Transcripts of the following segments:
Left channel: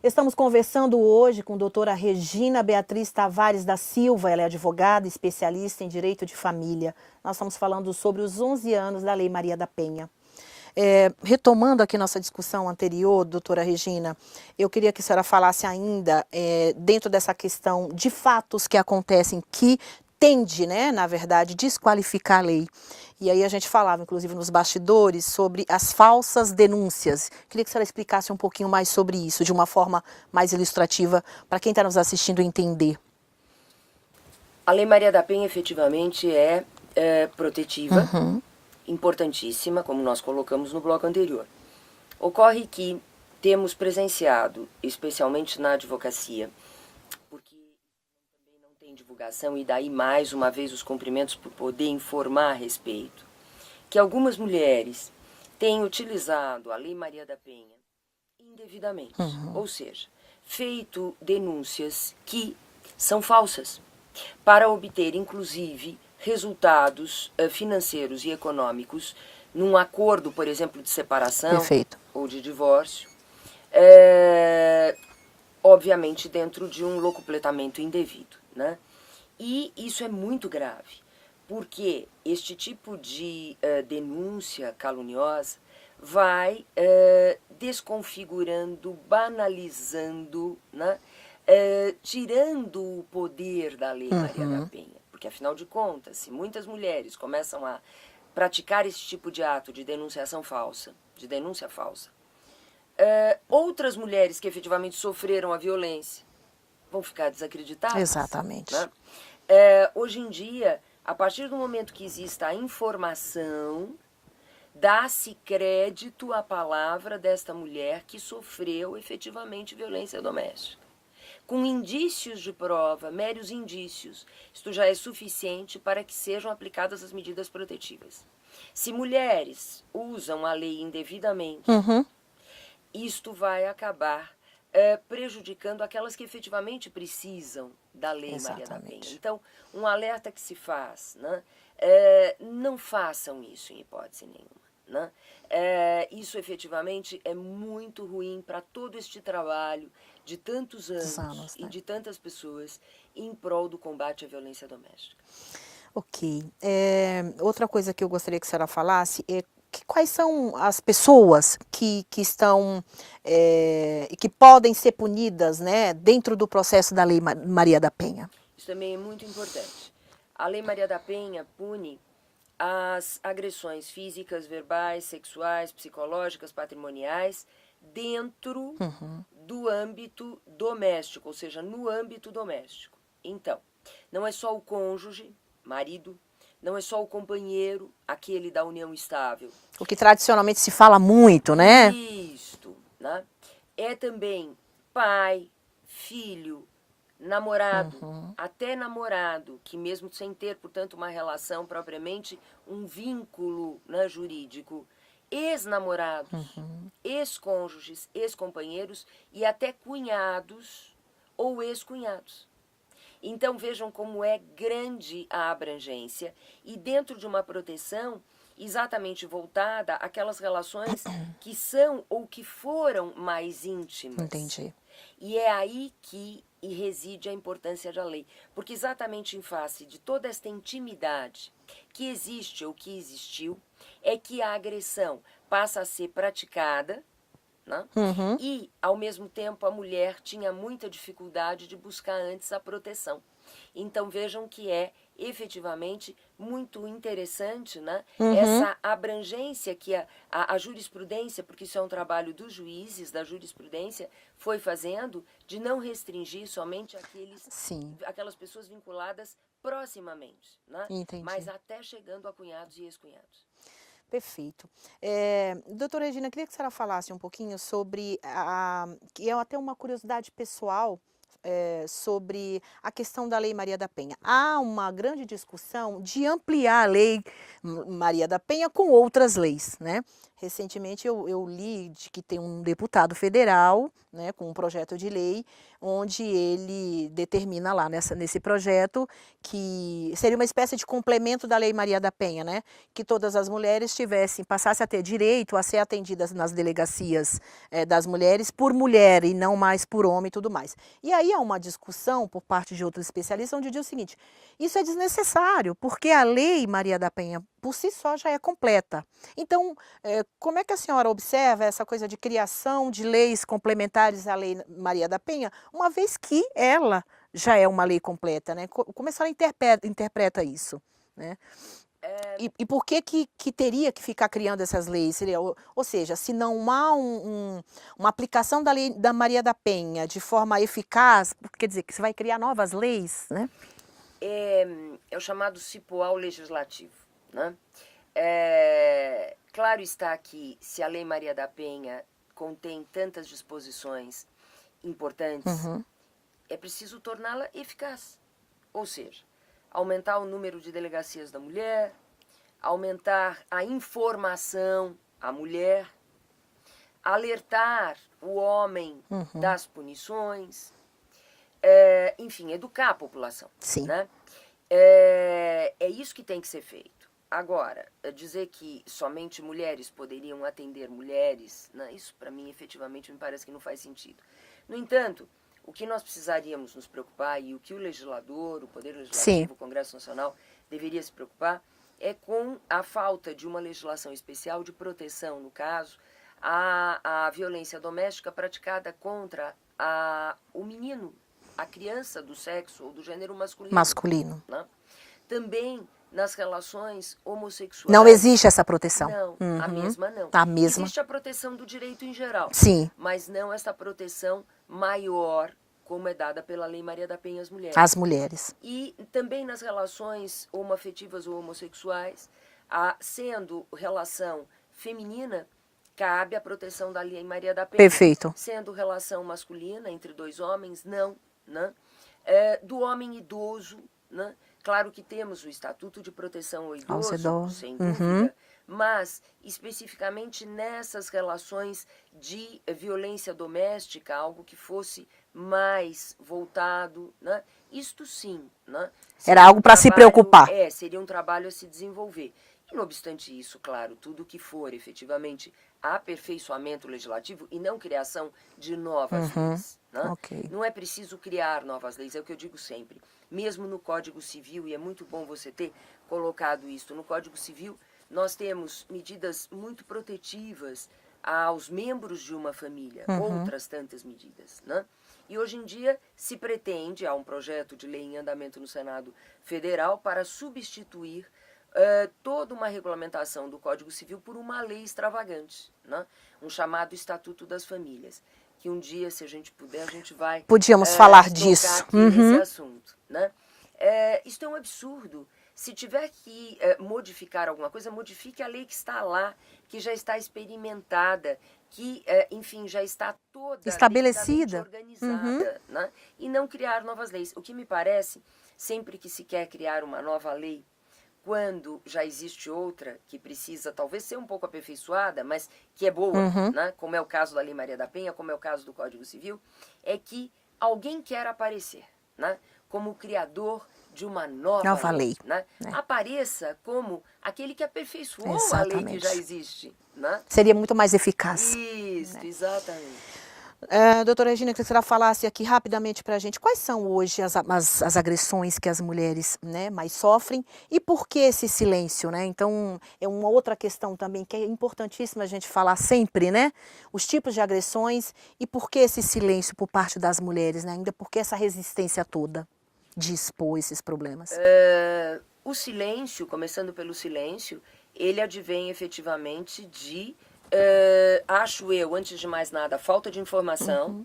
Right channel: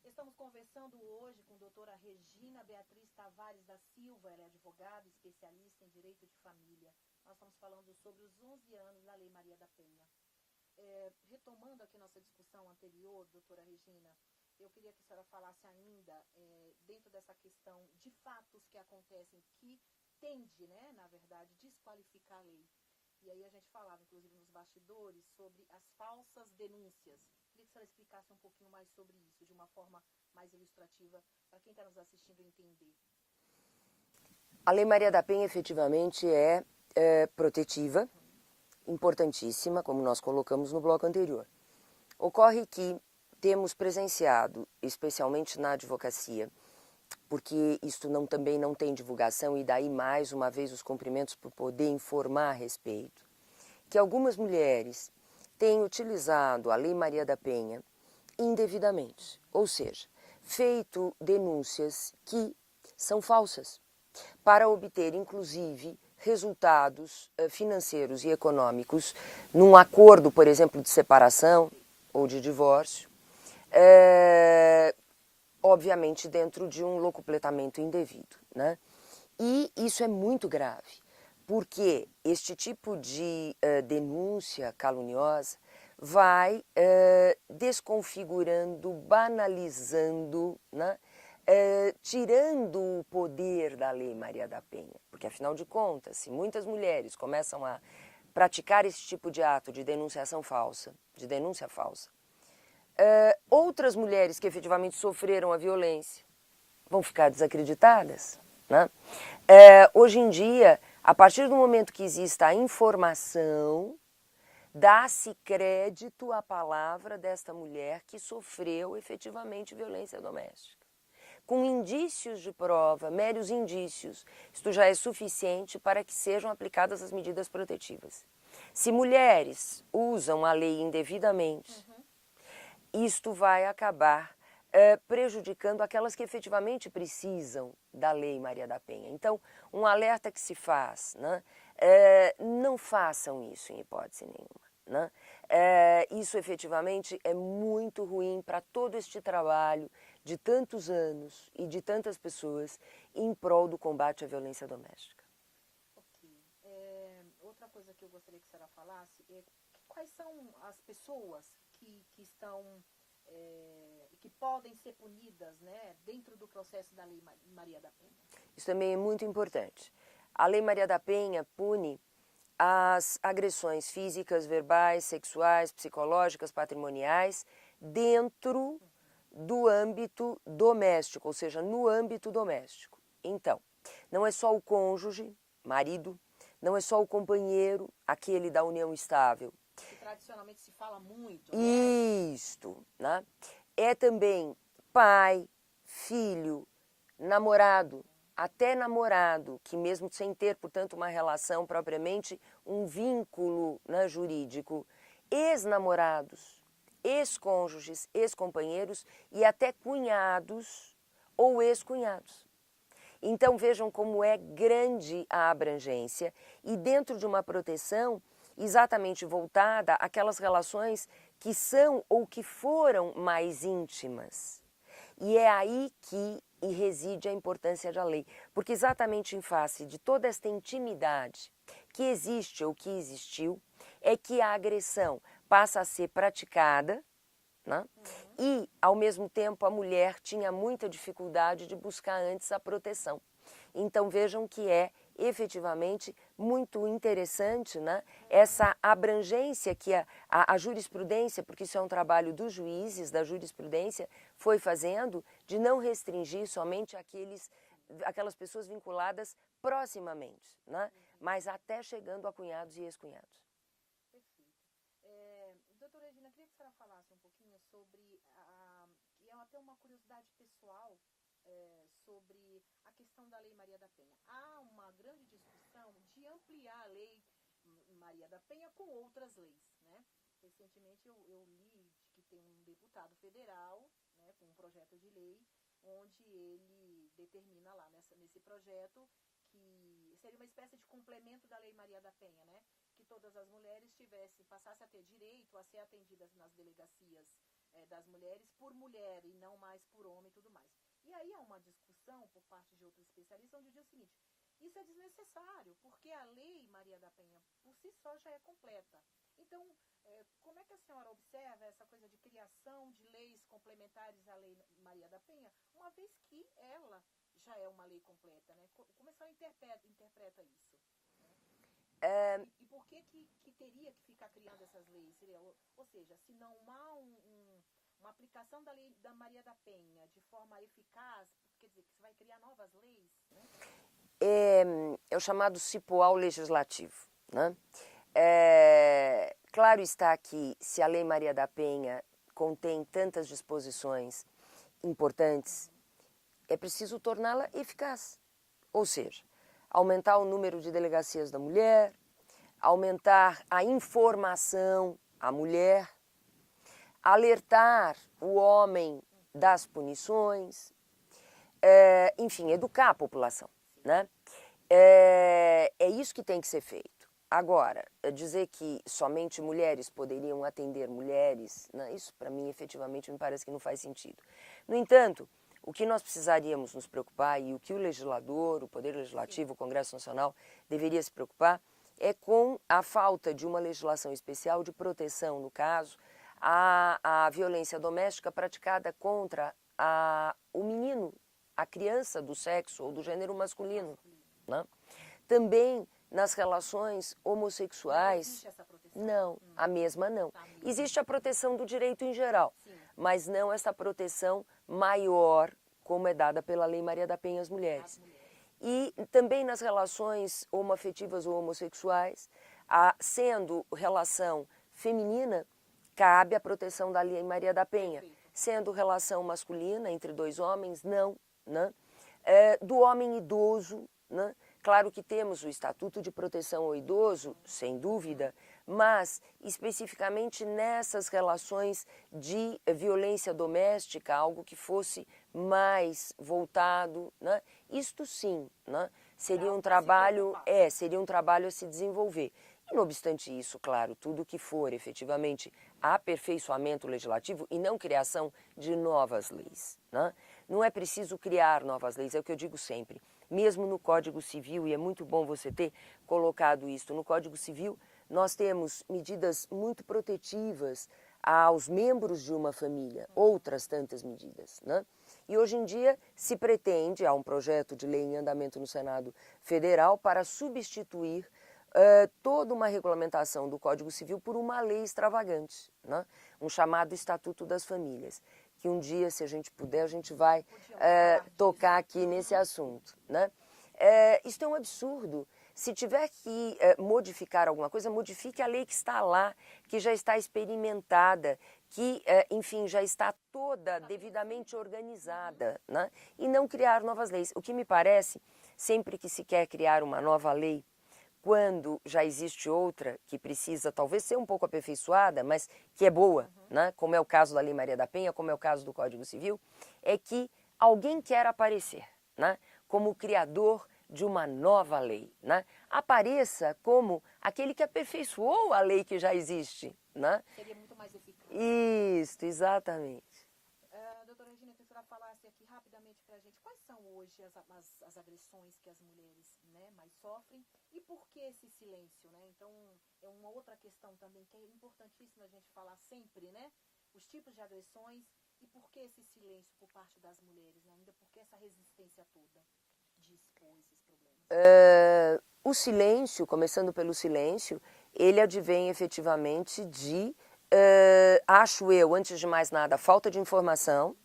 Estamos conversando hoje com a doutora Regina Beatriz Tavares da Silva, ela é advogada, especialista em direito de família. Nós estamos falando sobre os 11 anos da Lei Maria da Penha. Retomando aqui nossa discussão anterior, doutora Regina, eu queria que a senhora falasse ainda, dentro dessa questão de fatos que acontecem que tende, né, na verdade, desqualificar a lei. E aí a gente falava, inclusive, nos bastidores, sobre as falsas denúncias. Queria que a senhora explicasse um pouquinho mais sobre isso, de uma forma mais ilustrativa, para quem está nos assistindo entender. A Lei Maria da Penha, efetivamente, é protetiva, importantíssima, como nós colocamos no bloco anterior. Ocorre que temos presenciado, especialmente na advocacia, porque isto também não tem divulgação, e daí, mais uma vez, os cumprimentos por poder informar a respeito, que algumas mulheres têm utilizado a Lei Maria da Penha indevidamente, ou seja, feito denúncias que são falsas, para obter, inclusive, resultados financeiros e econômicos num acordo, por exemplo, de separação ou de divórcio, obviamente dentro de um locupletamento indevido, né? E isso é muito grave, porque este tipo de denúncia caluniosa vai desconfigurando, banalizando, né? Tirando o poder da Lei Maria da Penha. Porque, afinal de contas, se muitas mulheres começam a praticar esse tipo de ato de denunciação falsa, de denúncia falsa, outras mulheres que efetivamente sofreram a violência vão ficar desacreditadas. Exatamente. Né? Hoje em dia, a partir do momento que exista a informação, dá-se crédito à palavra desta mulher que sofreu efetivamente violência doméstica. Com indícios de prova, meros indícios, isto já é suficiente para que sejam aplicadas as medidas protetivas. Se mulheres usam a lei indevidamente, isto vai acabar prejudicando aquelas que efetivamente precisam da Lei Maria da Penha. Então, um alerta que se faz, né? Não façam isso em hipótese nenhuma. Né? Isso efetivamente é muito ruim para todo este trabalho de tantos anos e de tantas pessoas em prol do combate à violência doméstica. Ok. Outra coisa que eu gostaria que a senhora falasse é quais são as pessoas que estão e que podem ser punidas, né, dentro do processo da Lei Maria da Penha. Isso também é muito importante. A Lei Maria da Penha pune as agressões físicas, verbais, sexuais, psicológicas, patrimoniais, dentro do âmbito doméstico, ou seja, no âmbito doméstico. Então, não é só o cônjuge, marido, não é só o companheiro, aquele da união estável. O que tradicionalmente se fala muito, né? Isto, né? É também pai, filho, namorado, até namorado, que mesmo sem ter, portanto, uma relação propriamente, um vínculo, né, jurídico, ex-namorados, ex-cônjuges, ex-companheiros e até cunhados ou ex-cunhados. Então vejam como é grande a abrangência e dentro de uma proteção exatamente voltada àquelas relações que são ou que foram mais íntimas. Entendi. E é aí que reside a importância da lei, porque exatamente em face de toda esta intimidade que existe ou que existiu, é que a agressão passa a ser praticada, né? E, ao mesmo tempo, a mulher tinha muita dificuldade de buscar antes a proteção. Então, vejam que é efetivamente muito interessante, né? Essa abrangência que a jurisprudência, porque isso é um trabalho dos juízes, da jurisprudência, foi fazendo de não restringir somente aquelas pessoas vinculadas proximamente, né? Entendi. Mas até chegando a cunhados e ex-cunhados. Perfeito. Doutora Regina, queria que a senhora falasse um pouquinho sobre, que é até uma curiosidade pessoal, sobre a questão da Lei Maria da Penha. Há uma grande discussão de ampliar a lei Maria da Penha com outras leis, né? Recentemente eu li de que tem um deputado federal, né, com um projeto de lei, onde ele determina lá nesse projeto que seria uma espécie de complemento da Lei Maria da Penha, né? Que todas as mulheres passassem a ter direito a ser atendidas nas delegacias das mulheres por mulher e não mais por homem e tudo mais. E aí há uma discussão por parte de outros especialistas onde diz o seguinte: isso é desnecessário, porque a Lei Maria da Penha por si só já é completa. Então, como é que a senhora observa essa coisa de criação de leis complementares à Lei Maria da Penha, uma vez que ela já é uma lei completa, né? Como a senhora interpreta isso, né? E por que teria que ficar criando essas leis? Ou seja, se não há uma aplicação da Lei da Maria da Penha de forma eficaz, quer dizer, que você vai criar novas leis, né? É o chamado cipoal legislativo, né? Claro está que se a Lei Maria da Penha contém tantas disposições importantes, é preciso torná-la eficaz. Ou seja, aumentar o número de delegacias da mulher, aumentar a informação à mulher, alertar o homem das punições, enfim, educar a população. Sim. Né? É isso que tem que ser feito. Agora, dizer que somente mulheres poderiam atender mulheres, né, isso para mim efetivamente me parece que não faz sentido. No entanto, o que nós precisaríamos nos preocupar e o que o legislador, o Poder Legislativo, Sim. o Congresso Nacional deveria se preocupar é com a falta de uma legislação especial de proteção, no caso, à violência doméstica praticada contra o menino, a criança do sexo ou do gênero masculino. Masculino. Né? Também nas relações homossexuais. Não existe essa proteção? Não, a mesma não. A mesma? Existe a proteção do direito em geral. Sim. Mas não essa proteção maior como é dada pela Lei Maria da Penha às mulheres. Às mulheres. E também nas relações homoafetivas ou homossexuais, sendo relação feminina, cabe a proteção da Lei Maria da Penha. Perfeito. Sendo relação masculina entre dois homens, não. Né? Do homem idoso, né? Claro que temos o Estatuto de Proteção ao Idoso, sem dúvida, mas especificamente nessas relações de violência doméstica, algo que fosse mais voltado, né? Isto sim, né? Era algo para se preocupar. Seria um trabalho a se desenvolver. E não obstante isso, claro, tudo que for efetivamente aperfeiçoamento legislativo e não criação de novas leis. Né? Okay. Não é preciso criar novas leis, é o que eu digo sempre. Mesmo no Código Civil, e é muito bom você ter colocado isso, no Código Civil nós temos medidas muito protetivas aos membros de uma família, outras tantas medidas. Né? E hoje em dia se pretende, há um projeto de lei em andamento no Senado Federal para substituir toda uma regulamentação do Código Civil por uma lei extravagante, né? Um chamado Estatuto das Famílias, que um dia, se a gente puder, a gente vai podíamos falar tocar disso aqui nesse assunto. Né? Isso é um absurdo. Se tiver que modificar alguma coisa, modifique a lei que está lá, que já está experimentada, que, enfim, já está toda estabelecida, organizada, né? E não criar novas leis. O que me parece, sempre que se quer criar uma nova lei, quando já existe outra que precisa talvez ser um pouco aperfeiçoada, mas que é boa, né? Como é o caso da Lei Maria da Penha, como é o caso do Código Civil, é que alguém quer aparecer, né? Como criador de uma nova lei. Né? Apareça como aquele que aperfeiçoou a lei que já existe. Né? Seria muito mais eficaz. Isso, exatamente. Doutora Regina, que a senhora falasse aqui rapidamente para a gente, quais são hoje as agressões que as mulheres, né, mais sofrem e por que esse silêncio, né? Então, é uma outra questão também que é importantíssima a gente falar sempre, né? Os tipos de agressões e por que esse silêncio por parte das mulheres, né? Ainda por que essa resistência toda de expor esses problemas? O silêncio, começando pelo silêncio, ele advém efetivamente de... acho eu, antes de mais nada, a falta de informação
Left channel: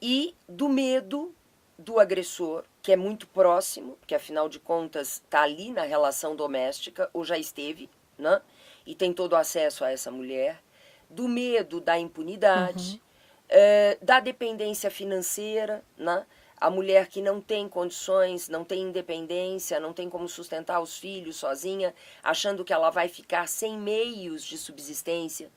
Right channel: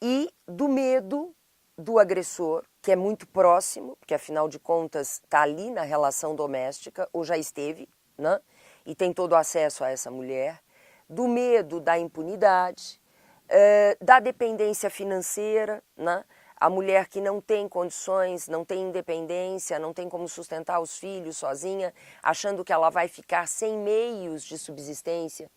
e do medo do agressor, que é muito próximo, porque afinal de contas está ali na relação doméstica, ou já esteve, né? E tem todo acesso a essa mulher, do medo da impunidade, da dependência financeira, né? a mulher que não tem condições, não tem independência, não tem como sustentar os filhos sozinha, achando que ela vai ficar sem meios de subsistência.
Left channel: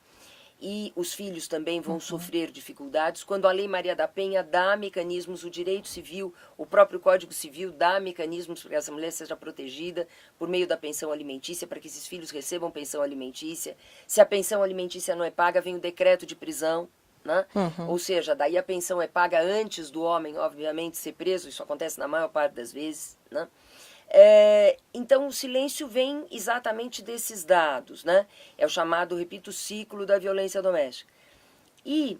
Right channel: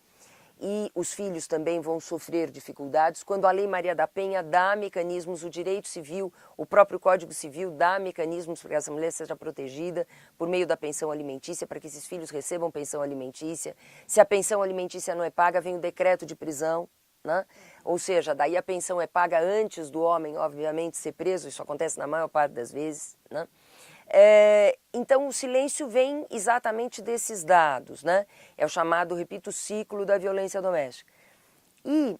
E os filhos também vão sofrer dificuldades. Quando a Lei Maria da Penha dá mecanismos, o direito civil, o próprio Código Civil dá mecanismos para que essa mulher seja protegida por meio da pensão alimentícia, para que esses filhos recebam pensão alimentícia. Se a pensão alimentícia não é paga, vem o decreto de prisão, né? Ou seja, daí a pensão é paga antes do homem, obviamente, ser preso. Isso acontece na maior parte das vezes, né? Então o silêncio vem exatamente desses dados, né? É o chamado, repito, ciclo da violência doméstica. E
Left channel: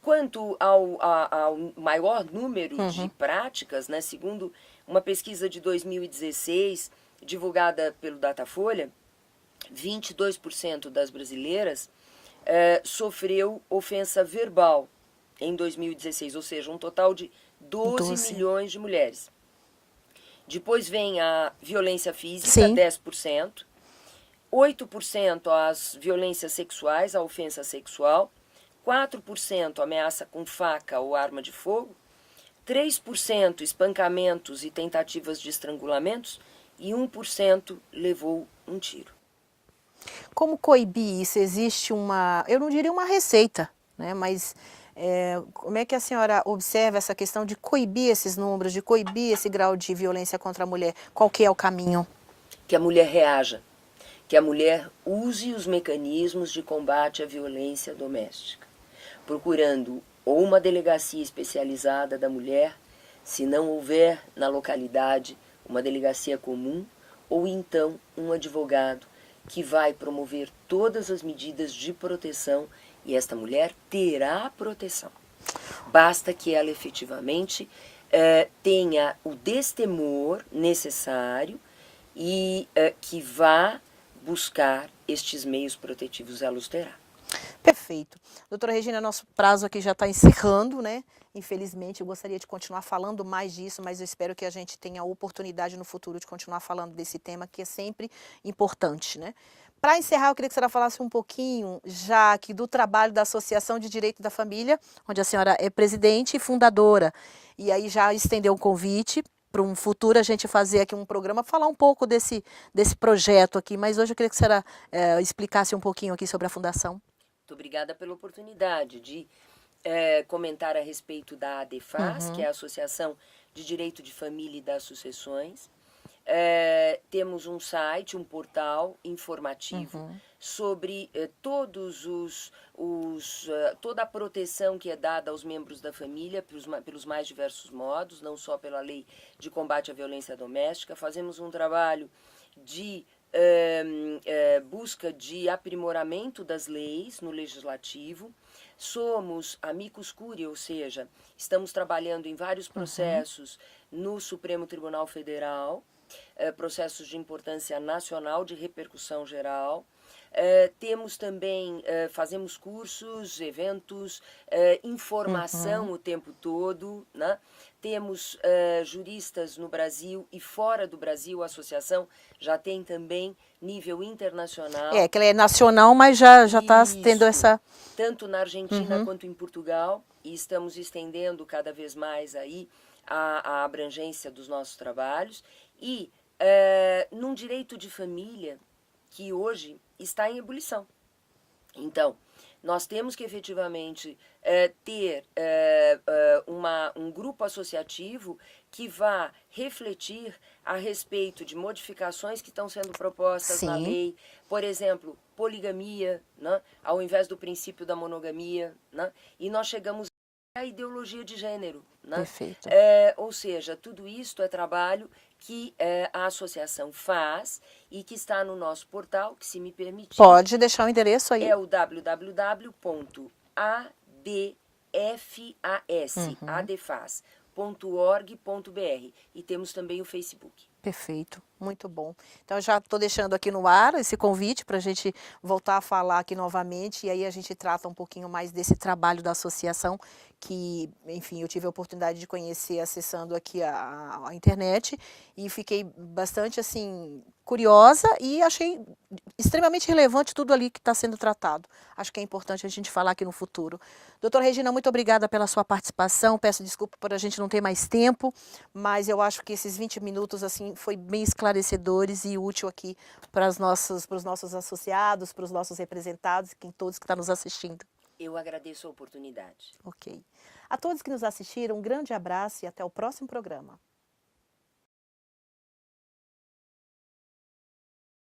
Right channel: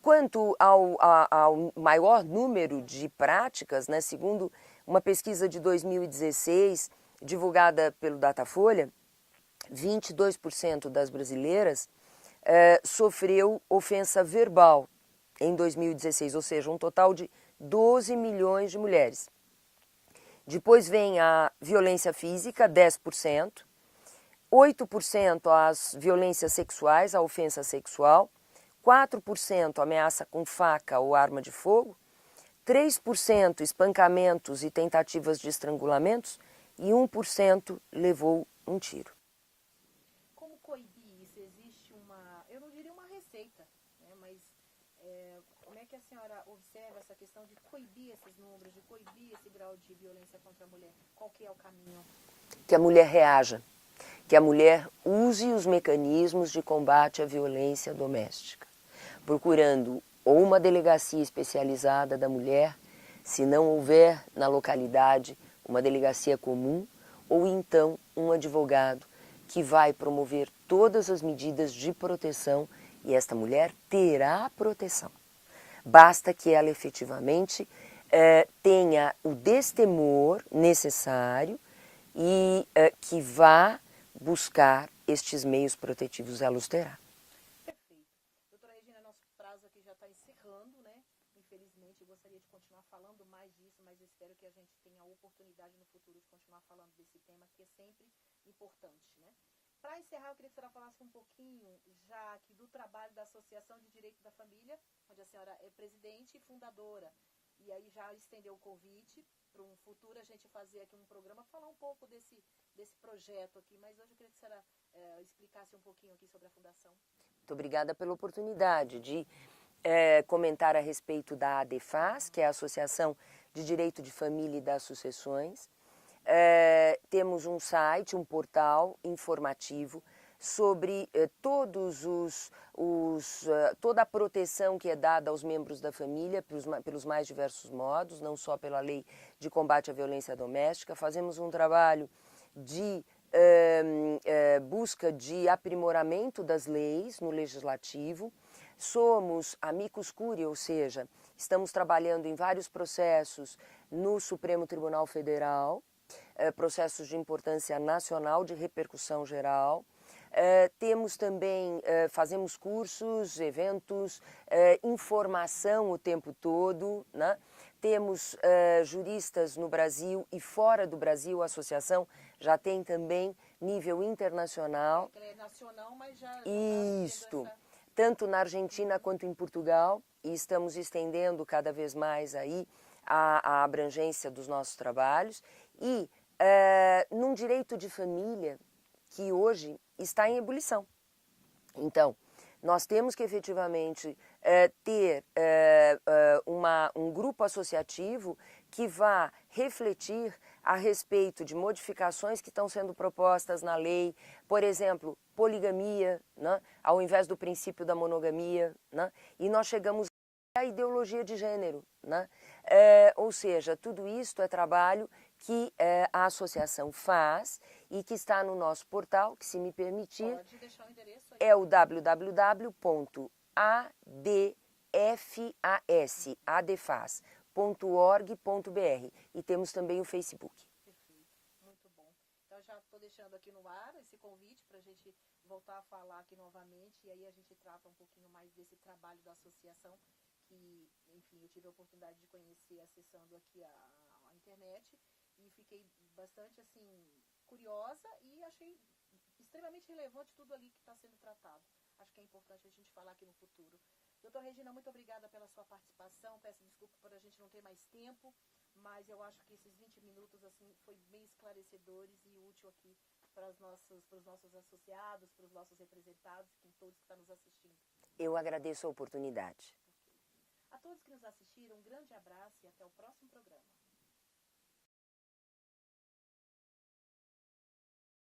quanto ao maior número de práticas, né, segundo uma pesquisa de 2016, divulgada pelo Datafolha, 22% das brasileiras sofreu ofensa verbal em 2016, ou seja, um total de 12 milhões de mulheres. Depois vem a violência física, Sim. 10%, 8% as violências sexuais, a ofensa sexual, 4% ameaça com faca ou arma de fogo, 3% espancamentos e tentativas de estrangulamentos e 1% levou um tiro. Como coibir isso? Existe eu não diria uma receita, né? Mas como é que a senhora observa essa questão de coibir esses números, de coibir esse grau de violência contra a mulher? Qual que é o caminho? Que a mulher reaja, que a mulher use os mecanismos de combate à violência doméstica, procurando ou uma delegacia especializada da mulher, se não houver na localidade uma delegacia comum, ou então um advogado que vai promover todas as medidas de proteção e esta mulher terá proteção. Basta que ela efetivamente tenha o destemor necessário e que vá buscar estes meios protetivos, ela os terá. Perfeito. Doutora Regina, nosso prazo aqui já está encerrando, né? Infelizmente, eu gostaria de continuar falando mais disso, mas eu espero que a gente tenha a oportunidade no futuro de continuar falando desse tema, que é sempre importante, né? Para encerrar, eu queria que a senhora falasse um pouquinho, já aqui, do trabalho da Associação de Direito da Família, onde a senhora é presidente e fundadora. E aí já estendeu o convite para um futuro a gente fazer aqui um programa, falar um pouco desse projeto aqui. Mas hoje eu queria que a senhora explicasse um pouquinho aqui sobre a Fundação. Muito obrigada pela oportunidade de comentar a respeito da ADFAS, que é a Associação de Direito de Família e das Sucessões. Temos um site, um portal informativo sobre toda a proteção que é dada aos membros da família pelos mais diversos modos, não só pela Lei de Combate à Violência Doméstica. Fazemos um trabalho de busca de aprimoramento das leis no Legislativo. Somos amicus curiae, ou seja, estamos trabalhando em vários processos no Supremo Tribunal Federal, processos de importância nacional, de repercussão geral. Temos também, fazemos cursos, eventos, informação o tempo todo, né? Temos juristas no Brasil e fora do Brasil, a associação já tem também nível internacional. Que ela é nacional, mas já está tendo essa... Tanto na Argentina quanto em Portugal, e estamos estendendo cada vez mais aí a abrangência dos nossos trabalhos. E num direito de família que hoje está em ebulição. Então, nós temos que efetivamente ter um grupo associativo que vá refletir a respeito de modificações que estão sendo propostas na lei. Por exemplo, poligamia, né? Ao invés do princípio da monogamia. Né? E nós chegamos à ideologia de gênero. Né? Perfeito. Ou seja, tudo isso é trabalho que a associação faz e que está no nosso portal, que se me permitir... Pode deixar o endereço aí. É o www.adefas.org.br e temos também o Facebook. Perfeito. Muito bom. Então, eu já estou deixando aqui no ar esse convite para a gente voltar a falar aqui novamente, e aí a gente trata um pouquinho mais desse trabalho da associação, que, enfim, eu tive a oportunidade de conhecer acessando aqui a internet, e fiquei bastante, assim, curiosa e achei extremamente relevante tudo ali que está sendo tratado. Acho que é importante a gente falar aqui no futuro. Doutora Regina, muito obrigada pela sua participação, peço desculpa por a gente não ter mais tempo, mas eu acho que esses 20 minutos assim foi bem esclarecedores e útil aqui para os nossos associados, para os nossos representados e todos que estão nos assistindo. Eu agradeço a oportunidade. Ok. A todos que nos assistiram, um grande abraço e até o próximo programa.